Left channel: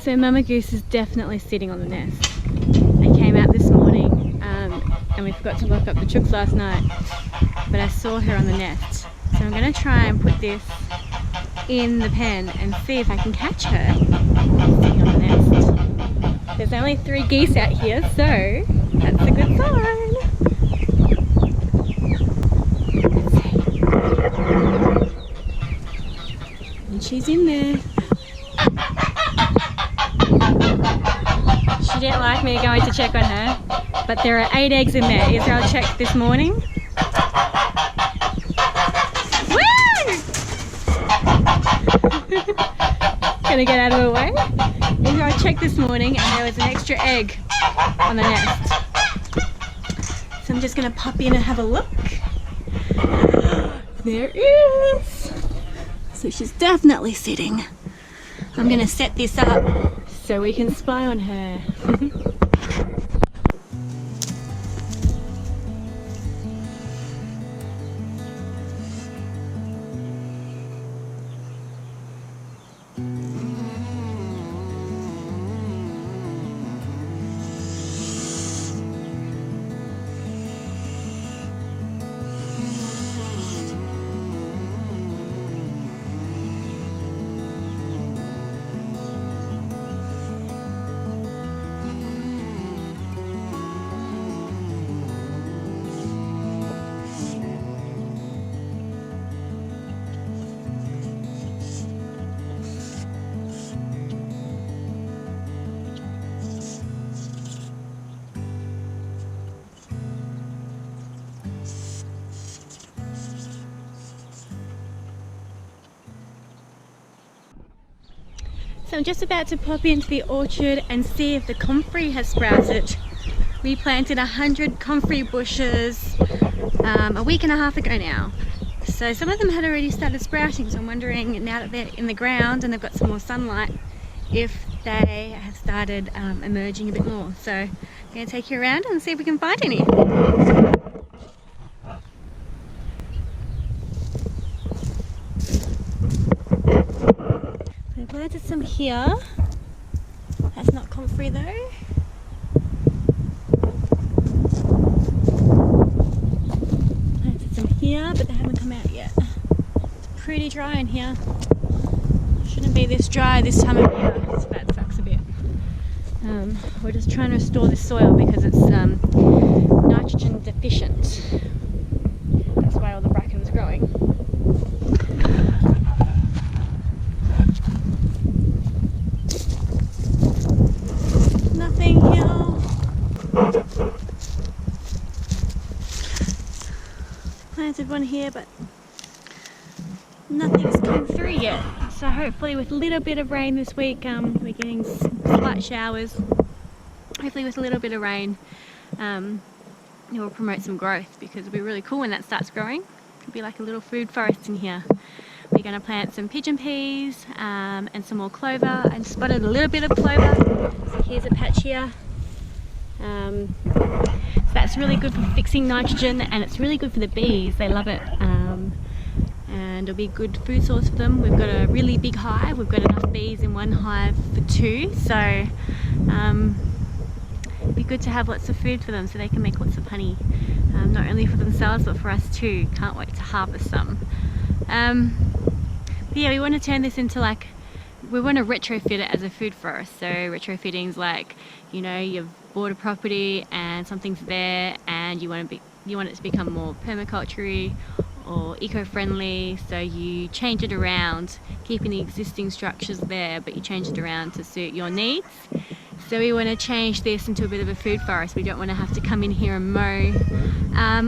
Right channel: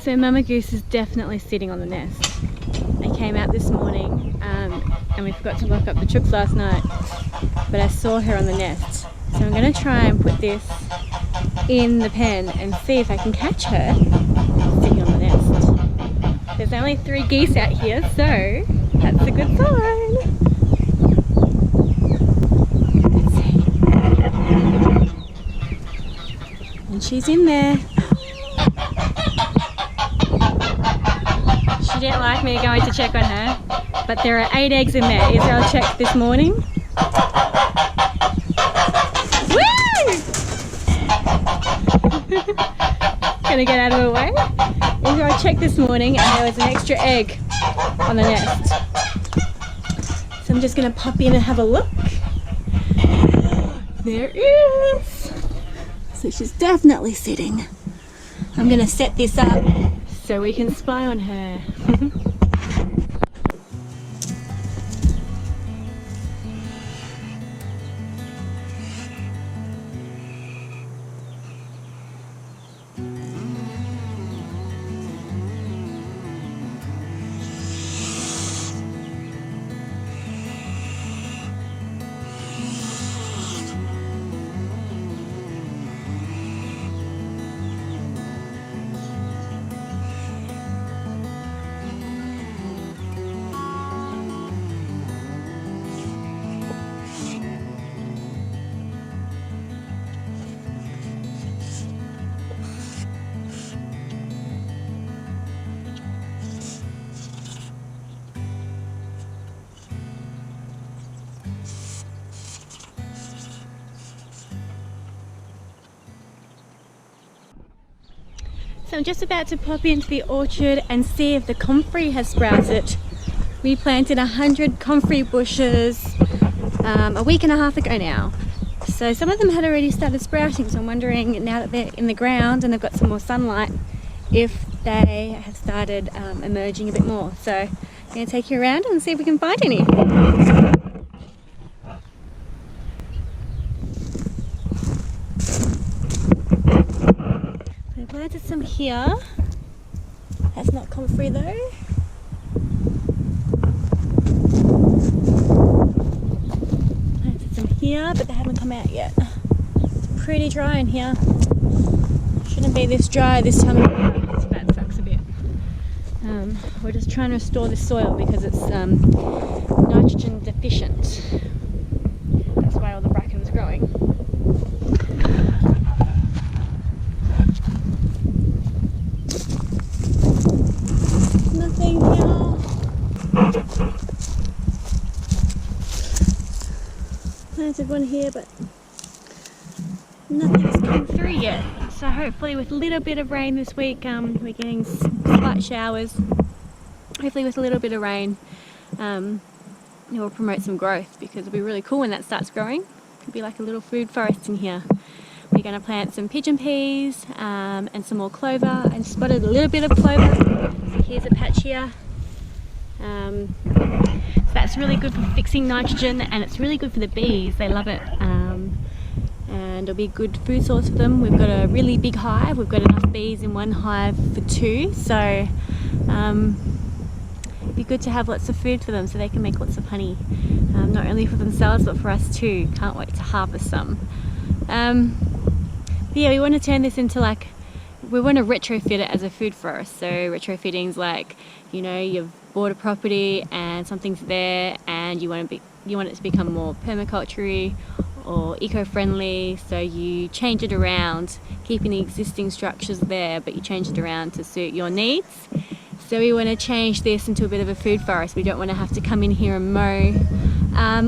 So Mama Goose is definitely sitting on the nest. I came out this morning and we forgot to lock up the chooks last night, but I saw her on the nest. So I'm going to try and put this in the pen and see if I can catch her sitting on the nest. There's only 3 geese out here, so that's a good sign. Let's see. And she's in there. She didn't like me going to check on her, but there are 8 eggs in there. Israel checked this morning. Woo! Gonna get out of the way. Israel checked this morning and there was an extra egg on the nest. So I'm just gonna pop in and have a look. There is. So she's definitely sitting. I'm gonna set this up so we can spy on her. So I'm just about to pop into the orchard and see if the comfrey has sprouted. We planted 100 comfrey bushes a week and a half ago now. So some of them had already started sprouting, so I'm wondering now that they're in the ground and they've got some more sunlight, if they have started emerging a bit more. So I'm going to take you around and see if we can find any. I planted some here. That's not comfrey though. Planted some here, but they haven't come out yet. It's pretty dry in here. Shouldn't be this dry this time of year, so that sucks a bit. We're just trying to restore the soil because it's nitrogen deficient. That's why all the bracken's growing. Nothing here. Planted one here, but nothing has come through yet. So hopefully with a little bit of rain this week, we're getting slight showers. Hopefully with a little bit of rain, it will promote some growth, because it'll be really cool when that starts growing. It'll be like a little food forest in here. We're going to plant some pigeon peas and some more clover. I spotted a little bit of clover. So here's a patch here. So that's really good for fixing nitrogen, and it's really good for the bees. They love it. And it'll be a good food source for them. We've got a really big hive. We've got enough bees in one hive for 2. So it'd be good to have lots of food for them so they can make lots of honey. Not only for themselves, but for us too. Can't wait to harvest some. But yeah, we want to turn this into we want to retrofit it as a food forest. So retrofitting's like, you know, you've bought a property and something's there and you want it to become more permaculture or eco-friendly, so you change it around, keeping the existing structures there, but you change it around to suit your needs. So we want to change this into a bit of a food forest. We don't want to have to come in here and mow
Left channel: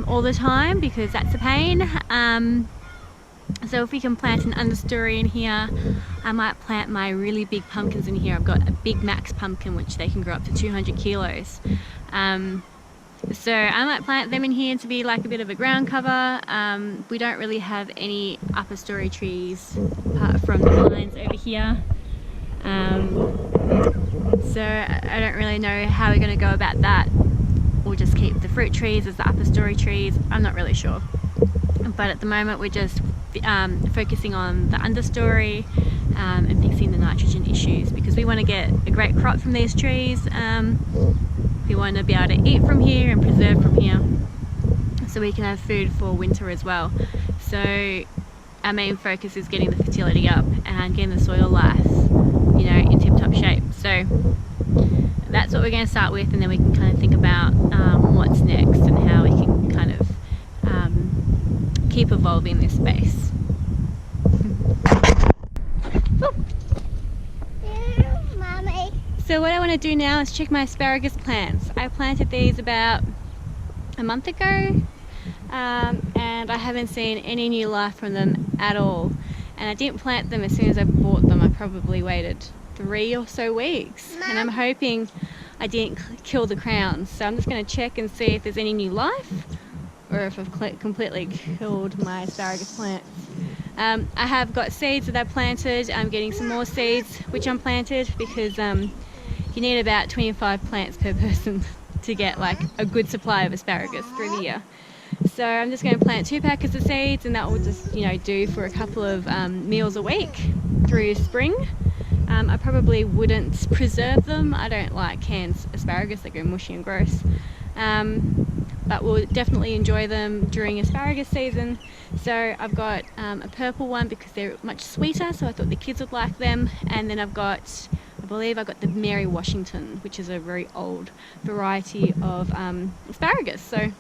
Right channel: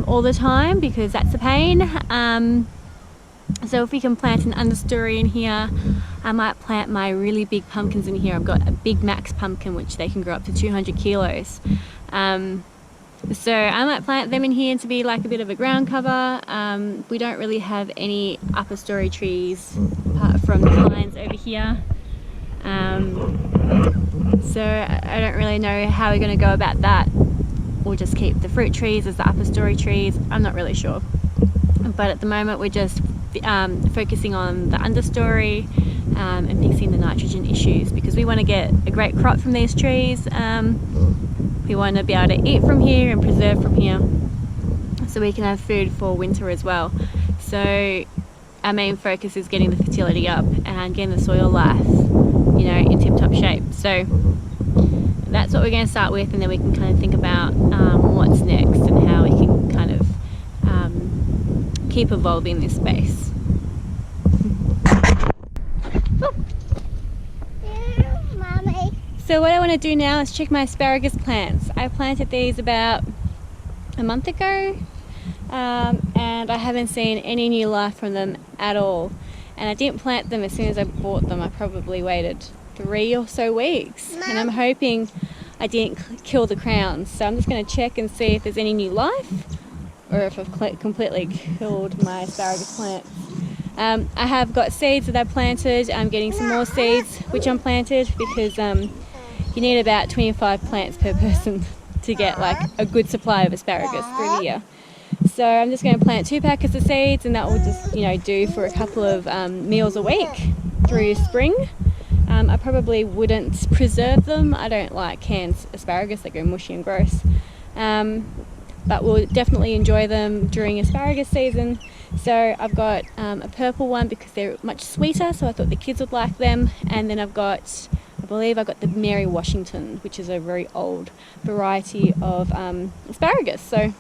all the time, because that's a pain. So if we can plant an understory in here, I might plant my really big pumpkins in here. I've got a big max pumpkin, which they can grow up to 200 kilos. So I might plant them in here to be like a bit of a ground cover. We don't really have any upper story trees apart from the pines over here. So I don't really know how we're going to go about that. We'll just keep the fruit trees as the upper story trees. I'm not really sure. But at the moment we're just focusing on the understory, and fixing the nitrogen issues, because we want to get a great crop from these trees. We want to be able to eat from here and preserve from here, so we can have food for winter as well. So our main focus is getting the fertility up and getting the soil life, you know, in tip-top shape. So that's what we're going to start with, and then we can kind of think about what's next and how we can kind of keep evolving this space. Mommy. So what I want to do now is check my asparagus plants. I planted these about a month ago, and I haven't seen any new life from them at all. And I didn't plant them as soon as I bought them. I probably waited 3 or so weeks, and I'm hoping I didn't kill the crowns. So I'm just going to check and see if there's any new life, or if I've completely killed my asparagus plants. I have got seeds that I've planted. I'm getting some more seeds which I'm planted, because you need about 25 plants per person to get like a good supply of asparagus through the year. So I'm just going to plant 2 packets of seeds, and that will just, you know, do for a couple of meals a week through spring. I probably wouldn't preserve them. I don't like canned asparagus, they go mushy and gross. But we'll definitely enjoy them during asparagus season. So I've got a purple one because they're much sweeter, so I thought the kids would like them. And then I believe I've got the Mary Washington, which is a very old variety of asparagus. So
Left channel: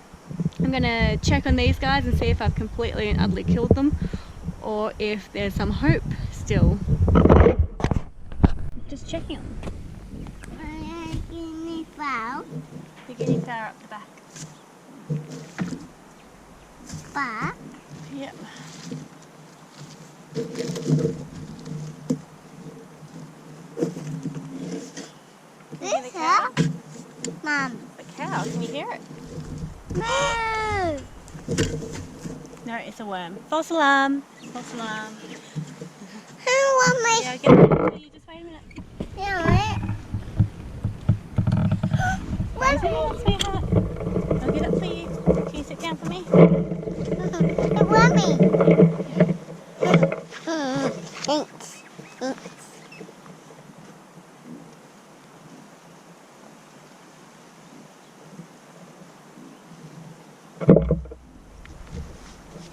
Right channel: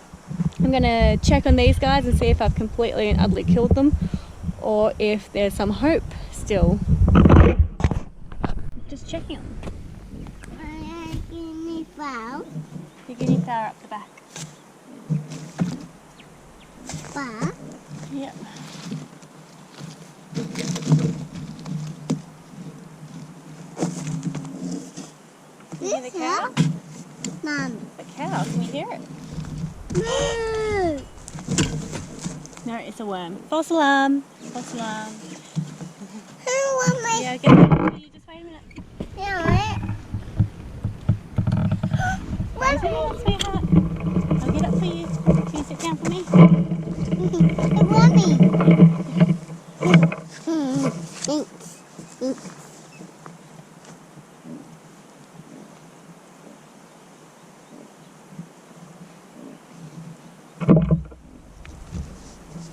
I'm going to check on these guys and see if I've completely and utterly killed them, or if there's some hope still. Just checking on them. Guinea fowl. The guinea fowl up the back. Back. Yep. Can you hear the cow? Mom. The cow, can you hear it? No. No, it's a worm. False alarm. False alarm. Who want me? Yeah, I'll get it for you. Just wait a minute. Yeah, Wait a minute, sweetheart. I'll get it for you. Can you sit down for me? The wormy. Thanks.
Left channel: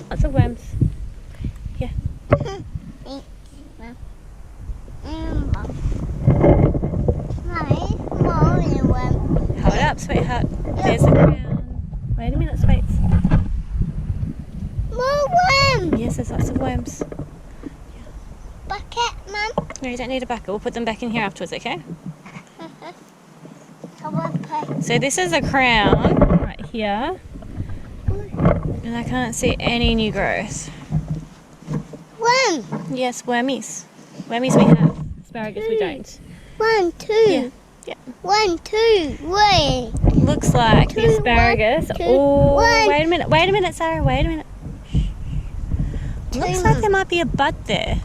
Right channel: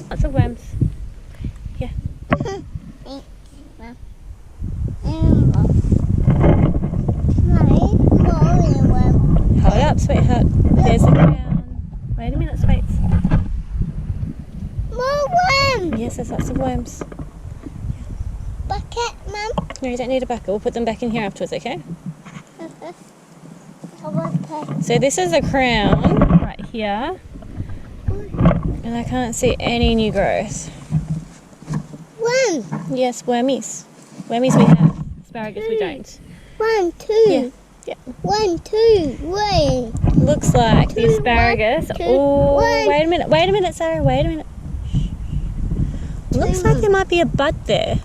Lots of worms. Yeah. Mommy, more than a worm. Hold up, sweetheart. There's the crown. Wait a minute, sweets. More worms. Yes, there's lots of worms. Bucket, Mum. No, you don't need a bucket. We'll put them back in here afterwards, okay? So this is a crown right here. And I can't see any new growth. One. Yes, wormies. Wormies we have. Asparagus we don't. 1, 2. Yeah. Yeah. 1, 2. Wait. Looks like the 2, asparagus. 1, 2, Oh, 1. wait a minute. Wait a minute, Sarah. Wait a minute. Shh. Looks like there might be a bud there.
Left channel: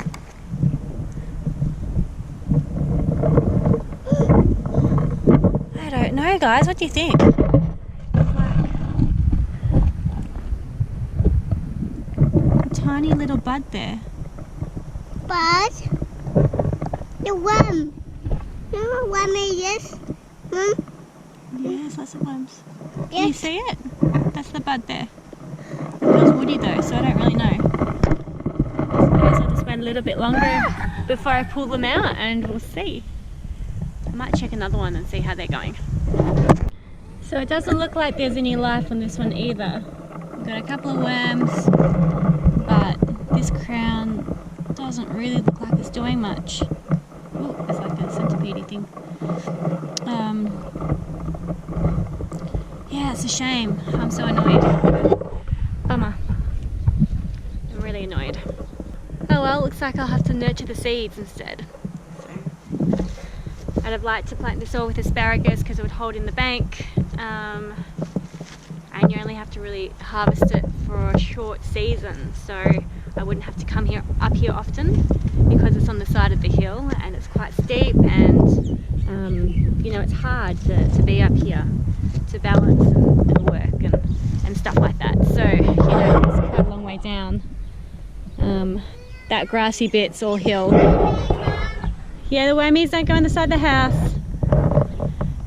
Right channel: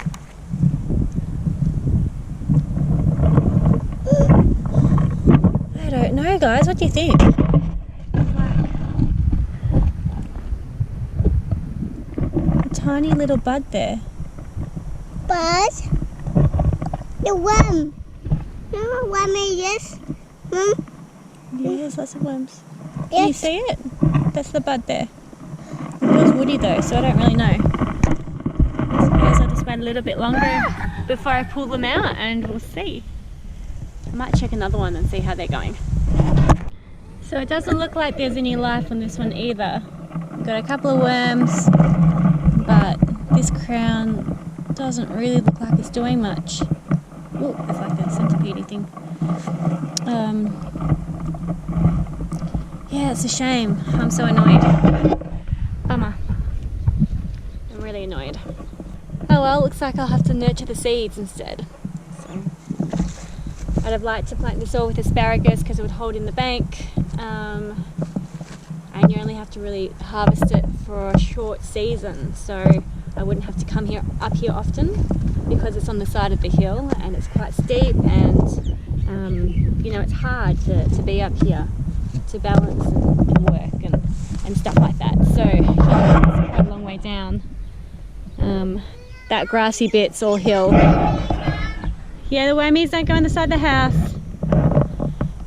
I don't know, guys. What do you think? A tiny little bud there. But the worm. No wormy, yes. Mum. Yeah, there's lots of worms. Can you Yes. see it? That's the bud there. It feels woody though, so I don't really know. I suppose I'll just wait a little bit longer before I pull them out, and we'll see. I might check another one and see how they're going. So it doesn't look like there's any life on this one either. We've got a couple of worms, but this crown doesn't really look like it's doing much. Oh, there's like a centipede thing. Yeah, it's a shame. I'm so annoyed. Bummer. I'm really annoyed. Oh well, looks like I'll have to nurture the seeds instead. So I'd have liked to plant this all with asparagus because it would hold in the bank. And you only have to really harvest it for a short season, so I wouldn't have to come up here often, because it's on the side of the hill and it's quite steep, and you know, it's hard to be up here to balance and work and stuff like that. So, you know, it's quite a long way down. that grassy bit's all hill. Yeah, the wormies don't go on the side of the house.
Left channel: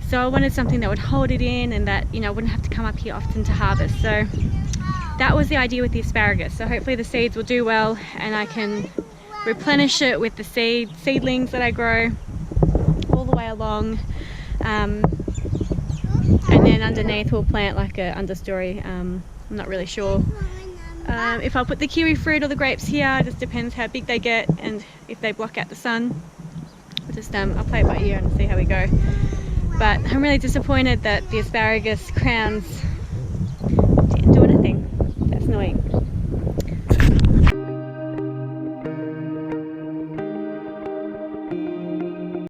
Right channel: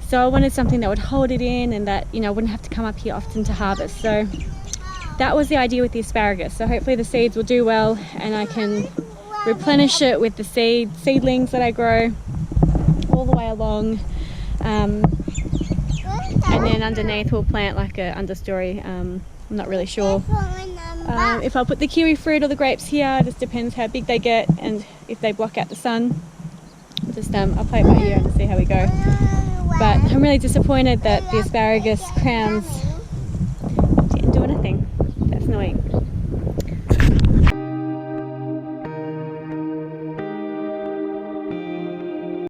So I wanted something that would hold it in and that, you know, I wouldn't have to come up here often to harvest. So that was the idea with the asparagus. So hopefully the seeds will do well and I can replenish it with the seedlings that I grow all the way along. And then underneath we'll plant like a understory. I'm not really sure if I'll put the kiwi fruit or the grapes here. It just depends how big they get and if they block out the sun. I'll play it by ear and see how we go. But I'm really disappointed that the asparagus crowns didn't do anything. That's annoying.